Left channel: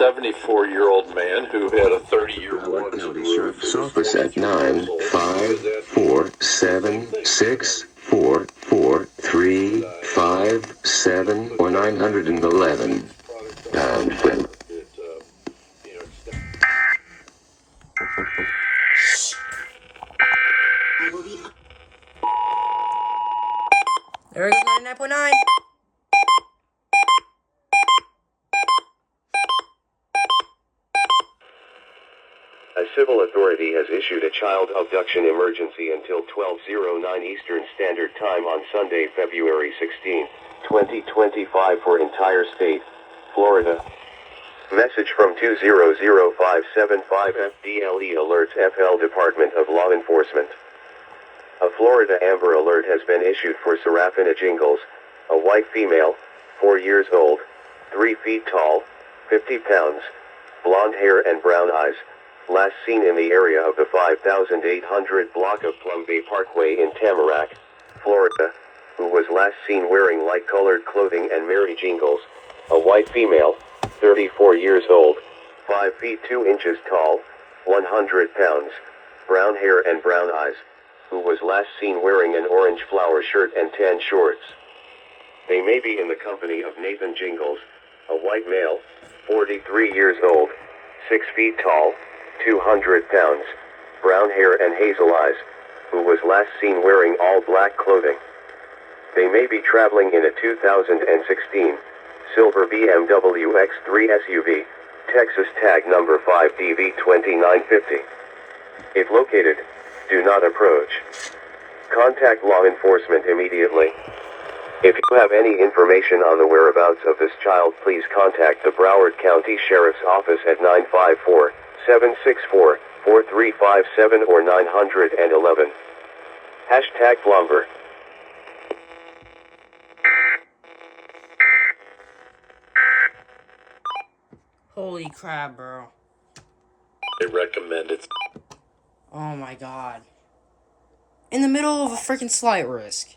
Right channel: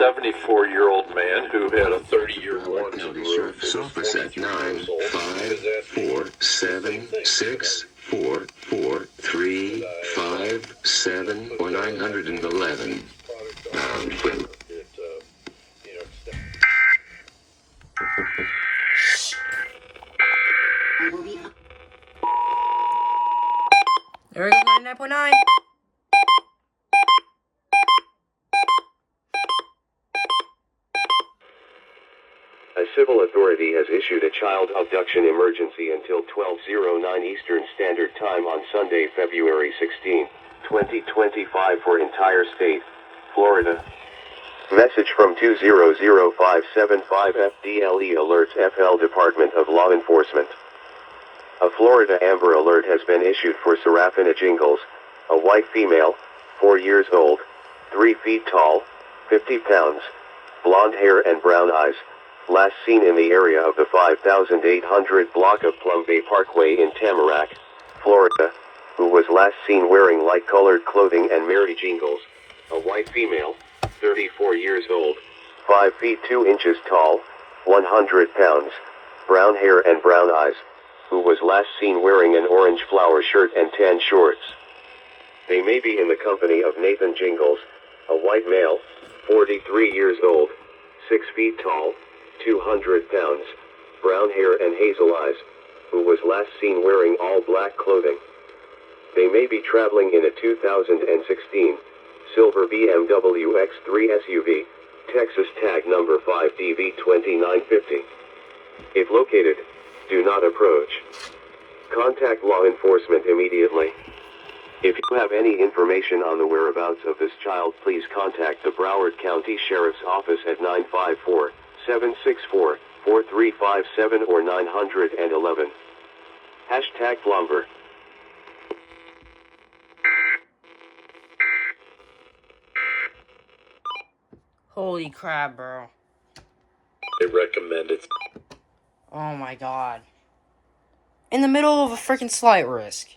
74-year-old man who had a 30-year warrant. County Sheriff's Office at 95476443435 or 911. There it is, 99.9. A civil authority has issued a child abduction emergency until 12:09 Eastern Standard Time on Sunday, February 16, 2025 for entire state, Florida. Message from 2000575 FDLE alerts FL Department of Law Enforcement. A Florida Amber Alert has been issued for Serafina Jingles, a white female, 4 years old, 3 feet tall, 50 pounds, blonde hair and brown eyes, last seen in the area of the 5800 block of Plum Bay Parkway in Tamarack, Florida, who was last seen wearing light-colored clothing, and Mary Jingles, a white female, 34 years old, 5 feet 2 inches tall, 100 pounds, brown hair and brown eyes, who was last seen wearing an orange flower shirt and tan shorts. They may be in the company of Nathan Jingles, a white male, 43 years old, 6 feet tall, 200 pounds, brown hair and hazel eyes, who was last seen wearing all black clothing. They may be traveling in a 2016 silver BMW X3 SUV, Texas tag number 5DV2950. If located, do not approach. Contact law enforcement immediately. If you have any information on the whereabouts of this child, please contact the Broward County Sheriff's Office at 954-764-4357 or 911. Hashtag Flumber. Holy crap, bro. They recommend it. Oh my god. In the middle of a freaking slight risk.